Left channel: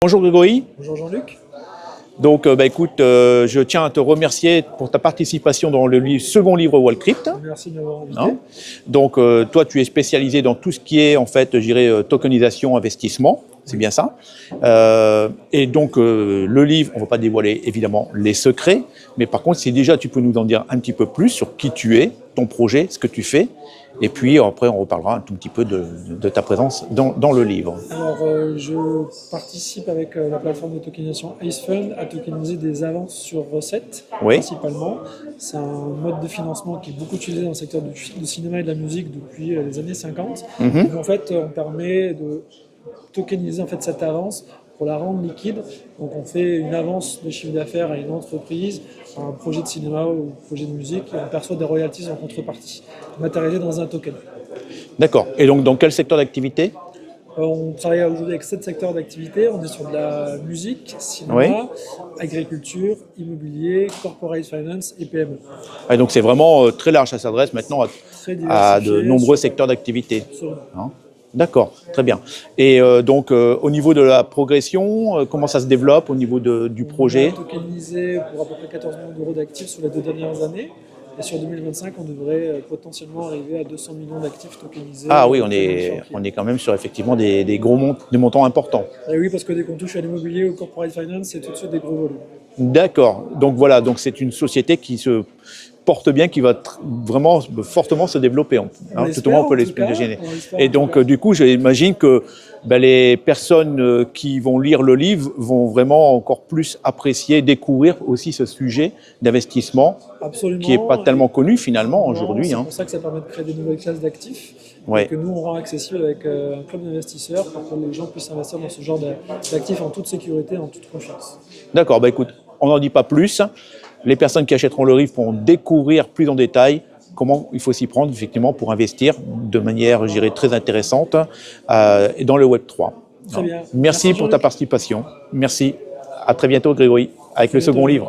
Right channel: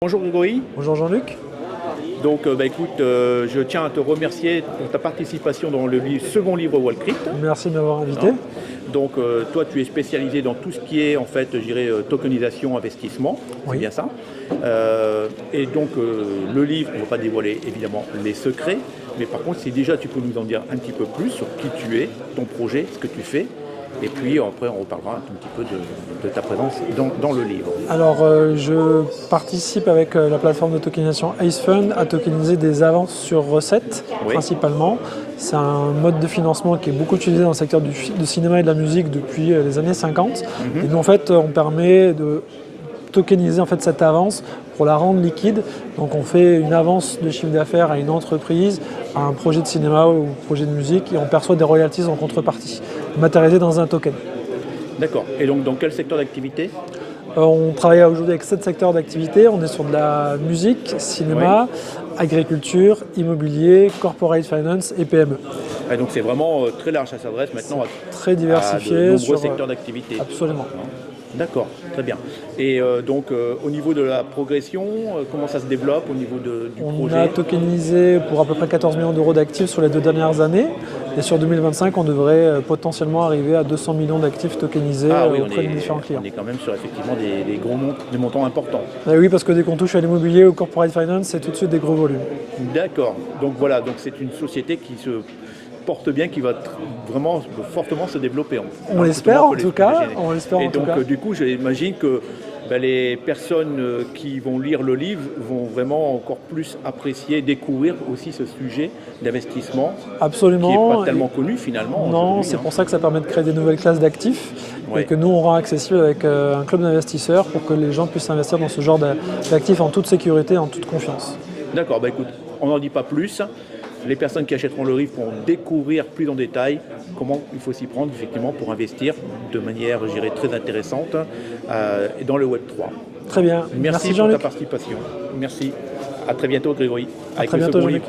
Bonjour Grégory. Bonjour Jean-Luc. Donc écoute, je tiens à te remercier pour ta participation dans le second livre Wallcrypt. Merci de m'avoir invité. Hein. Donc toi tu es spécialisé dans tout ce qui est en fait, je dirais, tokenisation, investissement, c'est Oui. bien ça. Et donc le livre, on ne va pas dévoiler évidemment les secrets, mais par contre si déjà tu peux nous en dire un petit peu plus sur qui tu es, ton projet, ce que tu fais. Et puis après, on reparlera un tout petit peu de ta présence dans le livre. Alors, je participe avec la plateforme de tokenisation Ace Fund à tokeniser des avances sur recettes, Oui. principalement. C'est un mode de financement qui est beaucoup utilisé dans le secteur du cinéma et de la musique depuis les années 50. Et nous, en fait, on permet de tokeniser en fait, cette avance pour la rendre liquide. Donc on fait une avance de chiffre d'affaires à une entreprise, à un projet de cinéma ou projet de musique, et on perçoit des royalties en contrepartie, matérialisées dans un token. D'accord. Et donc dans quel secteur d'activité ? On travaille aujourd'hui avec 7 secteurs d'activité. On est sur de la musique, cinéma, agriculture, immobilier, corporate finance et PME. Et donc c'est vraiment très large, ça s'adresse maintenant Très à diversifié. de nombreux secteurs d'activité. Absolument. D'accord, très bien. Et donc au niveau de la progression, comment ça se développe au niveau du projet ? On a tokenisé pour à peu près 14 millions d'euros d'actifs sur les 2 dernières années. Et sur 2025, on devrait potentiellement arriver à 200 millions d'actifs tokenisés. Ah oui, on est quand même sur effectivement des montants importants. Et oui, parce que dès qu'on touche à l'immobilier ou au corporate finance, c'est tout de suite des gros volumes. D'accord. Donc voilà, donc c'est une société qui se porte bien, qui va vraiment fortement se développer. On l'espère en tout cas. Et donc du coup, j'imagine que les personnes qui vont lire le livre vont vraiment encore plus apprécier, découvrir aussi ce sujet d'investissement. Absolument. Qui n'est pas tellement connu finalement aujourd'hui. C'est pour ça que ça permet de créer des nouvelles classes d'actifs et que nous on rend accessible avec un club d'investisseurs pour que les gens puissent investir dans ce genre d'actifs en toute sécurité, en toute confiance. D'accord, écoute, on n'en dit pas plus. Les personnes qui achèteront le livre pourront découvrir plus en détail comment il faut s'y prendre effectivement pour investir de manière, je dirais, très intéressante dans le Web3. Très bien. Merci pour ta participation. Merci. À très bientôt Grégory avec le second livre.